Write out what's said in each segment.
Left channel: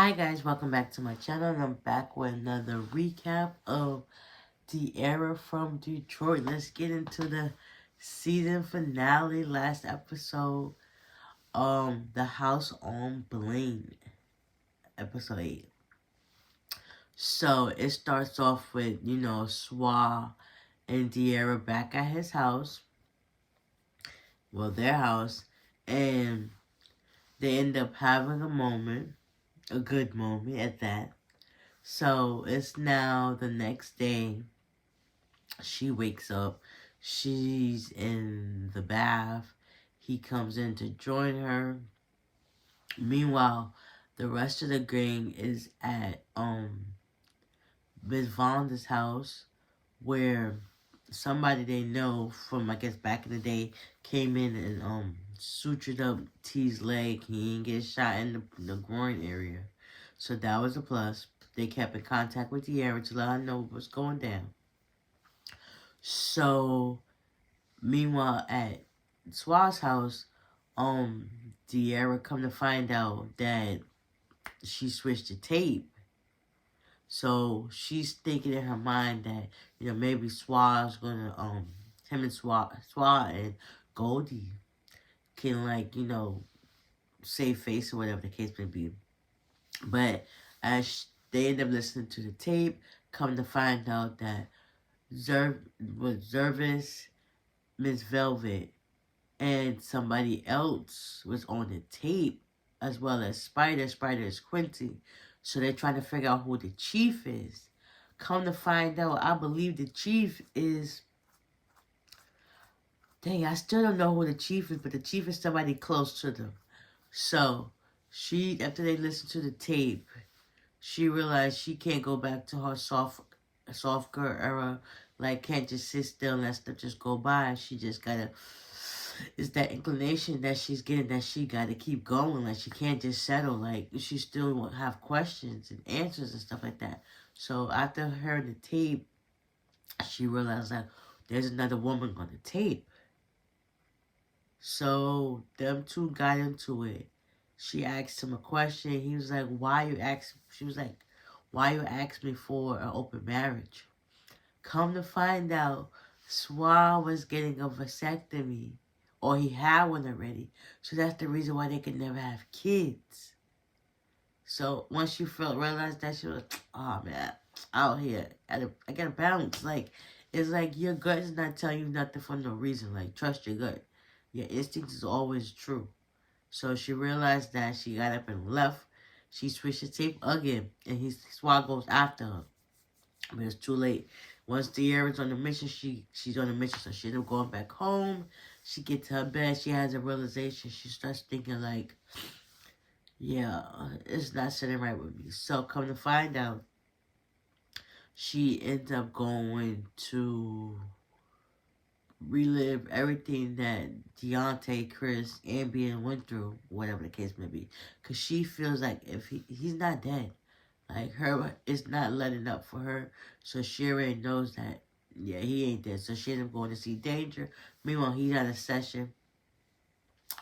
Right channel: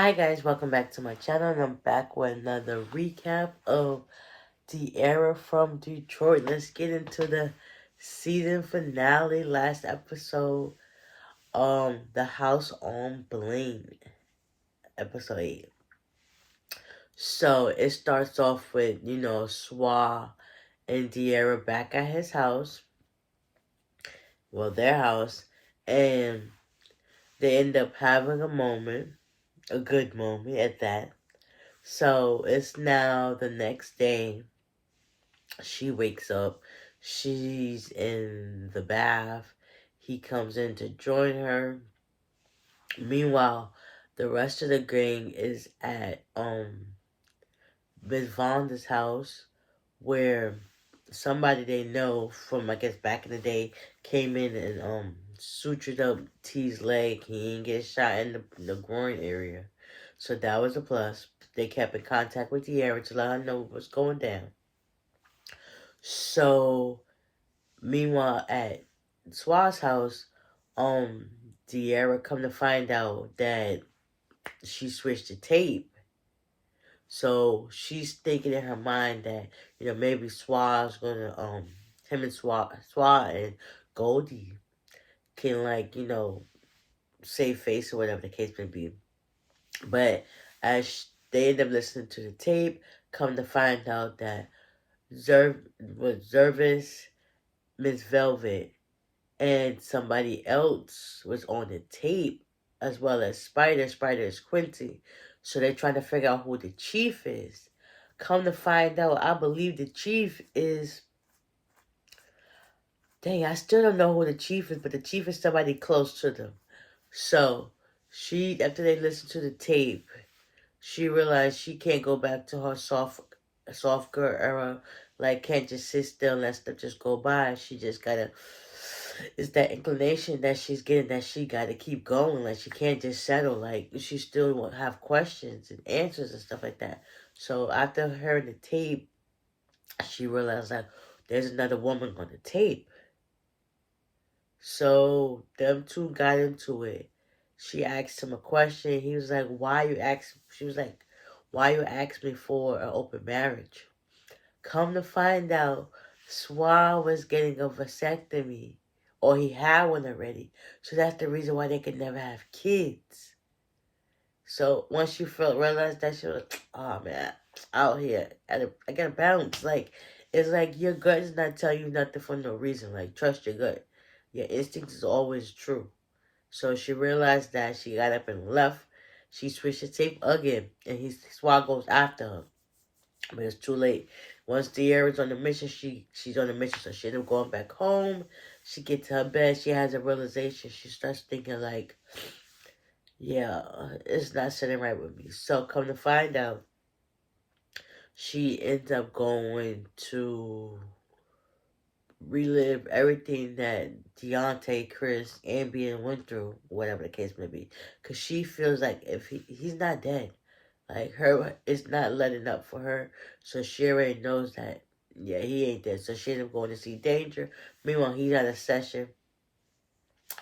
Hi guys, welcome back to my channel, and I'm back with another recap of Diarra from Detroit. Let's get into the season finale, last episode, The House on Blaine, episode 8. So, it starts off with, Swa and Diarra back at his house, their house, and they end up having a moment, a good moment at that. So, it's now the next day. She wakes up. She's in the bath. He comes in to join her. Meanwhile, the rest of the gang is at Miss Vonda's house, where somebody they know from, I guess, back in the day came in and sutured up T's leg. He didn't get shot in the groin area, so that was a plus. They kept in contact with Diarra to let her know what was going down. So meanwhile, at Swa's house, Diarra come to find out that she switched the tape. So she's thinking in her mind that, maybe Swa's gonna, him and Swa and Goldie can, like, save face or whatever the case may be. But as they end up listening to the tape, come to find out that Zervis, Miss Velvet, and somebody else was on the tape, as well as Spider. Spider is Quincy. So they're trying to figure out who the chief is. Come to find out, I believe the chief is... Dang, I still don't know who the chief is, but the chief is somebody close to them. So, after they listened to the tape, she realized she can't go back to her soft girl era. Like, can't just sit still and let stuff just go by. She just gotta... It's that inclination that she's getting that she gotta keep going. Like, she can't just settle. Like, she still will have questions and answers and stuff like that. So, after hearing the tape, she realized, like, there's another woman on the tape. So, them two got into it. She asked him a question. He was like, she was like, why you ask me for an open marriage? Come to find out, Swan was getting a vasectomy. Or he had one already. So that's the reason why they could never have kids. So once you realized that, she was like, oh man, out here, I gotta bounce. Like, it's like your gut is not telling you nothing for no reason. Like, trust your gut. Your instinct is always true. So she realized that. She got up and left. She switched the tape again, and Swan goes after her. But it's too late. Once Diarra's on the mission, she's on the mission, so she ended up going back home. She gets to her bed. She has a realization. She starts thinking like, yeah, it's not sitting right with me. So come to find out, she ends up going to relive everything that Deontay, Chris, Ambien went through, whatever the case may be. Because she feels like if he's not dead. Like, her is not letting up for her. So she already knows that, yeah, he ain't dead. So she ended up going to see Danger. Meanwhile, he's at a session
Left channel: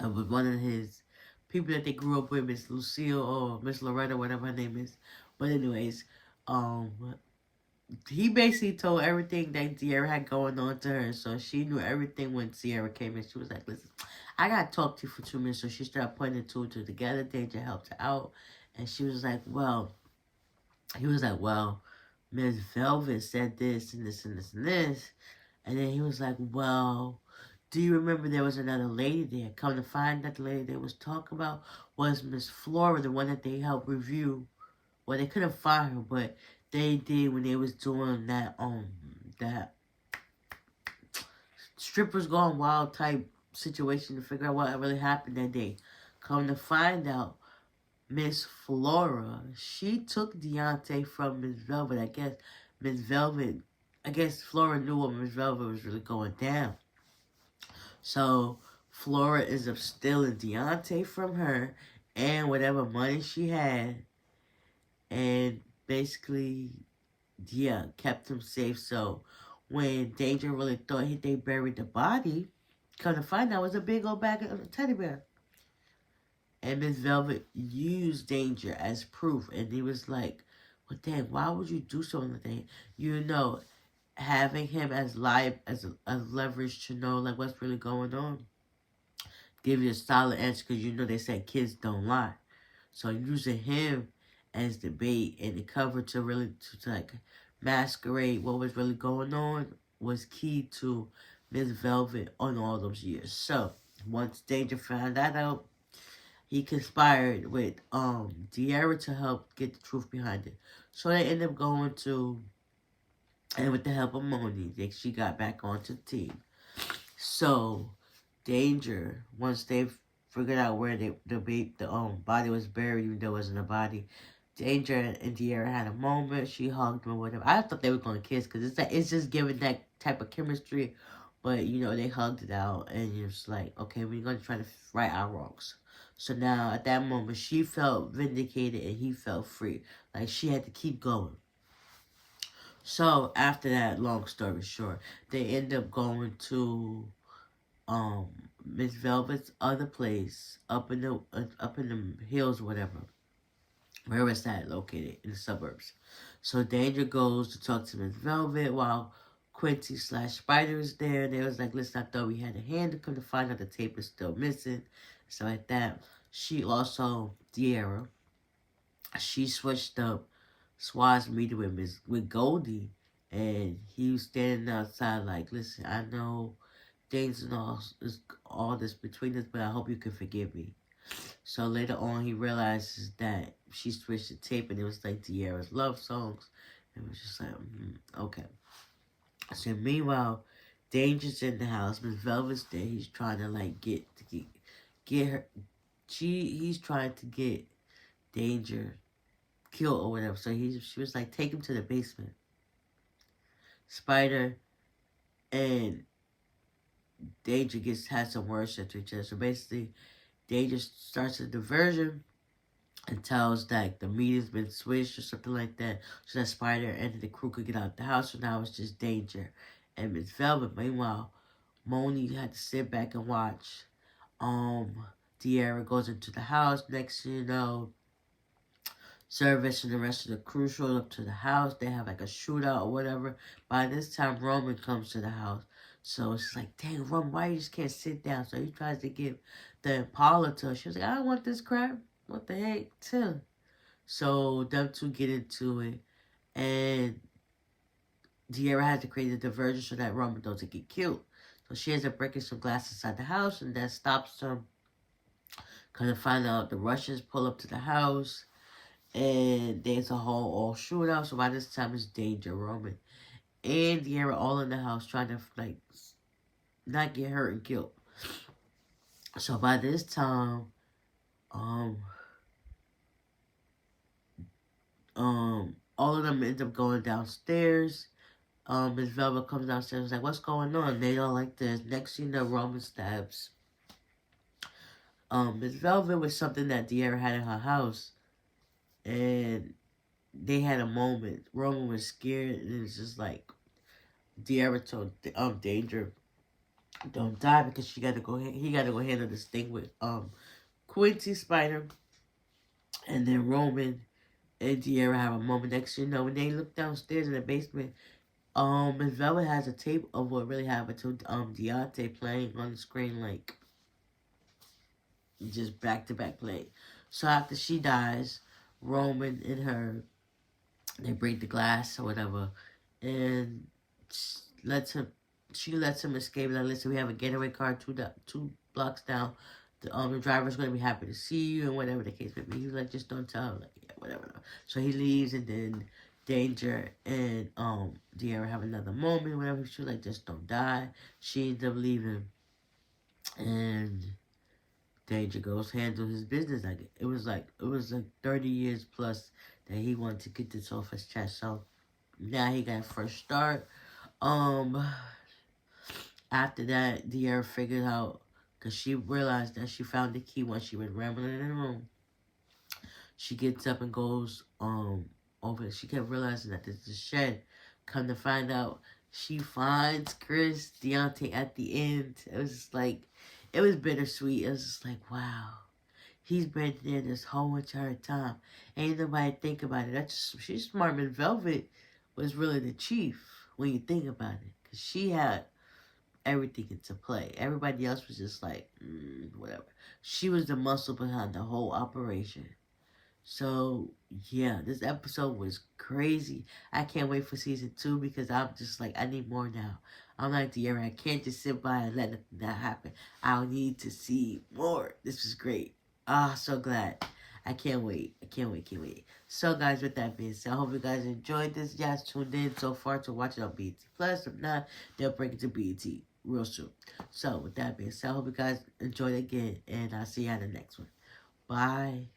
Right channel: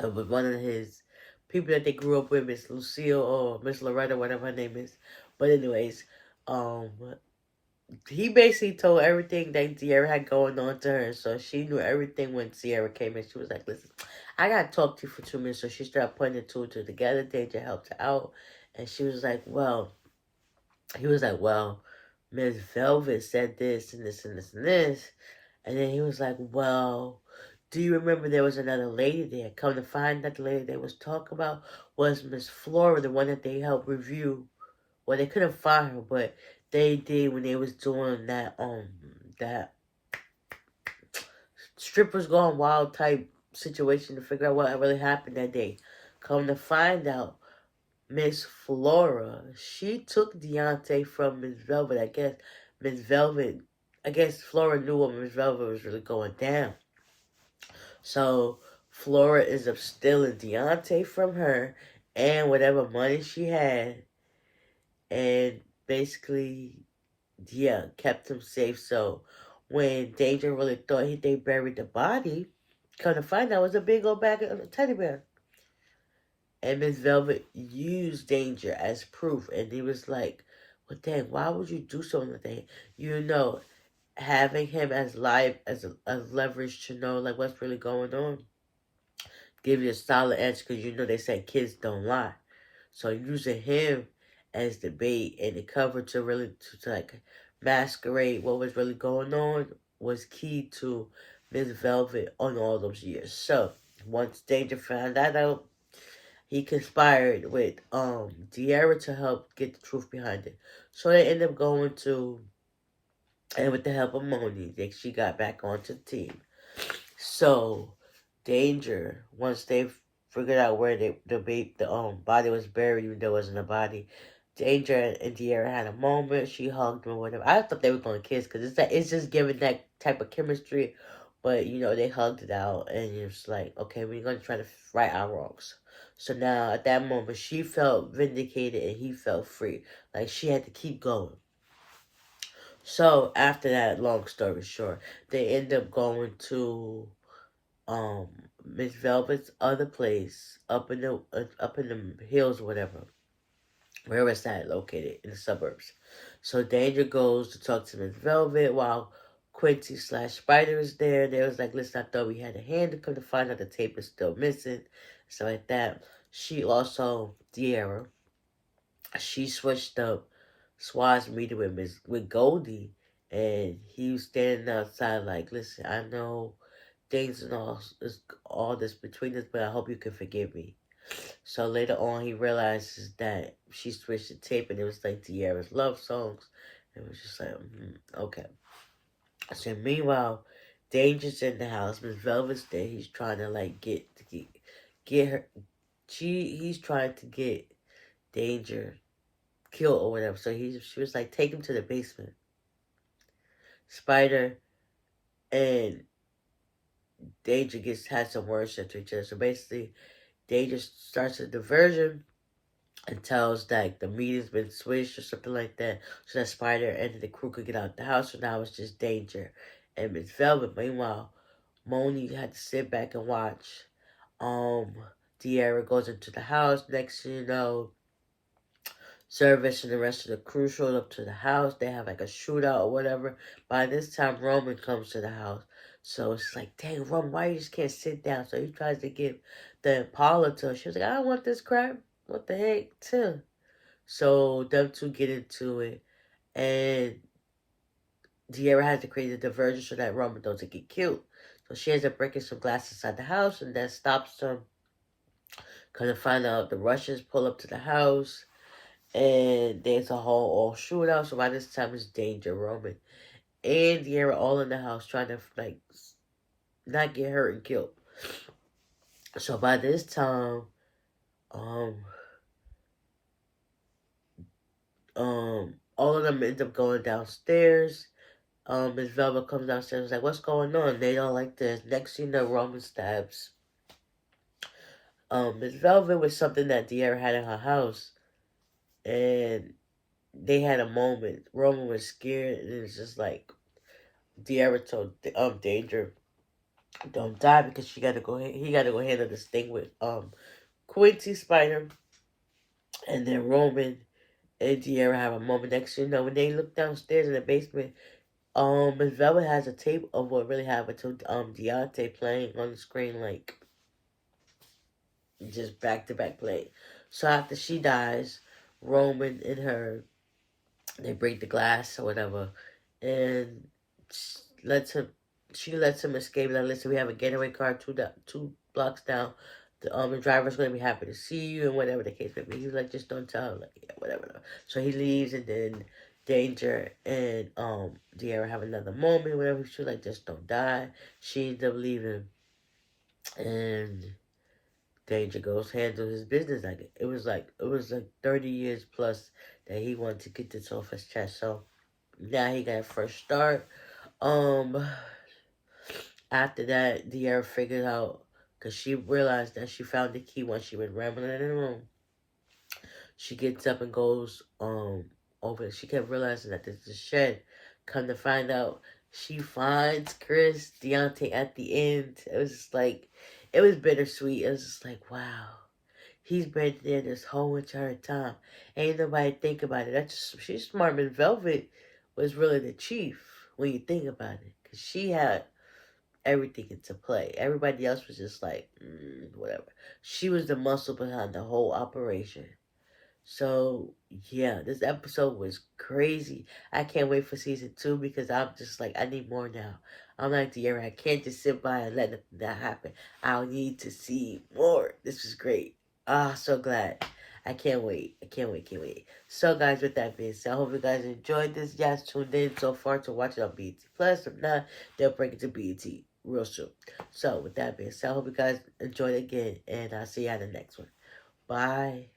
with one of his people that they grew up with, Miss Lucille or Miss Loretta, whatever her name is. But anyways, um, he basically told everything that Diarra had going on to her. So she knew everything when Diarra came in. She was like, listen, I got to talk to you for 2 minutes. So she started putting the two and two together. Danger helped her out. And she was like, he was like, well, Miss Velvet said this and this and this and this. And then he was like, well, do you remember there was another lady there? Come to find that the lady they was talking about was Miss Flora, the one that they helped review. Well, they couldn't find her, but they did when they was doing that strippers gone wild type situation to figure out what really happened that day. Come to find out, Miss Flora, she took Deontay from Miss Velvet. I guess Flora knew what Miss Velvet was really going down. So Flora is up stealing Deontay from her and whatever money she had. And basically, yeah, kept him safe. So when Danger really thought they buried the body, come to find out it was a big old bag of teddy bear. And Miss Velvet used Danger as proof. And he was like, well, dang, why would you do something like that? You know, having him as live as leverage to know like what's really going on, give you a solid answer because you know they said kids don't lie. So using him as the bait and the cover to really to like masquerade what was really going on was key to Miss Velvet on all those years. So once Danger found that out, he conspired with Diarra to help get the truth behind it. So they end up going to, and with the help of Moni, she got back onto the team. So Danger, once they figured out where the body was buried, even though it wasn't a body, Danger and Diarra had a moment. She hugged him or whatever. I thought they were going to kiss because it's just giving that type of chemistry. But you know they hugged it out, and it's like, okay, we're gonna try to right our wrongs. So now at that moment, she felt vindicated and he felt free. Like she had to keep going. So after that, long story short, they end up going to um Miss Velvet's other place up in the hills, or whatever. Where is that located in the suburbs? So Danger goes to talk to Miss Velvet while Quincy slash Spider is there. They was like, listen, I thought we had a hand to come to find out the tape is still missing, stuff like that. She also Diarra. She switched up Swat's meeting with Goldie, and he was standing outside like, listen, I know things and all this between us, but I hope you can forgive me. So later on, he realizes that she switched the tape, and it was like Diarra's love songs. It was just like, okay. So meanwhile, Danger's in the house. Miss Velvet's there. He's trying to like get her. He's trying to get Danger killed or whatever. So she was like, take him to the basement. Spider and Danger has some words said to each other. So basically, Danger starts a diversion and tells that the meeting's been switched or something like that, so that Spider and the crew could get out the house. So now it's just Danger and Miss Velvet. Meanwhile, Moni had to sit back and watch. Diarra goes into the house. Next thing you know, Service and the rest of the crew showed up to the house. They have like a shootout or whatever. By this time, Roman comes to the house. So it's like, dang, Roman, why you just can't sit down? So he tries to give the Impala to her. She was like, I don't want this crap. What the heck, too? So them two get into it. And Diarra has to create a diversion so that Roman doesn't get killed. So she ends up breaking some glass inside the house and that stops them. Kind of find out the Russians pull up to the house. And there's a whole all shootout. So by this time, it's Danger, Roman, and Diarra all in the house trying to like not get hurt and killed. So by this time, um, all of them end up going downstairs. Miss Velvet comes downstairs and is like, what's going on? They don't like this. Next thing you know, Roman stabs Miss Velvet with something that Diarra had in her house. And they had a moment. Roman was scared, and it's just like Diarra told Danger, don't die because she gotta go. He gotta go handle this thing with Quincy Spider, and then Roman and Diarra have a moment. Next, you know, when they look downstairs in the basement, Miss Velvet has a tape of what really happened to Deontay playing on the screen, like just back to back play. So after she dies, Roman and her, they break the glass or whatever, and lets him. She lets him escape. Like, listen, we have a getaway car two blocks down. The driver's gonna be happy to see you and whatever the case may be. He was like, just don't tell him, like, yeah, whatever. So he leaves, and then Danger and Diarra have another moment. Whatever. She was like, just don't die. She ends up leaving, and Danger goes handle his business. Like it was like 30 years plus that he wanted to get this off his chest. So now he got a fresh start. Um, After that, Diarra figured out, because she realized that she found the key once she was rambling in the room. She gets up and goes over. She kept realizing that there's a shed. Come to find out, she finds Chris Deontay at the end. It was just like, it was bittersweet. It was just like, wow. He's been there this whole entire time. Ain't nobody think about it. That's just, she's smart. Miss Velvet was really the chief when you think about it. Because she had everything into play. Everybody else was just like, whatever. She was the muscle behind the whole operation. So, yeah, this episode was crazy. I can't wait for season 2 because I'm just like, I need more now. I'm like Diarra, I can't just sit by and let that happen. I need to see more. This was great. Ah, so glad. I can't wait. I can't wait, can't wait. So, guys, with that being said, I hope you guys enjoyed this. You guys tuned in so far to watch it on BET Plus. If not, they'll bring it to BET real soon. So, with that being said, I hope you guys enjoyed it again, and I'll see you on the next one. Bye.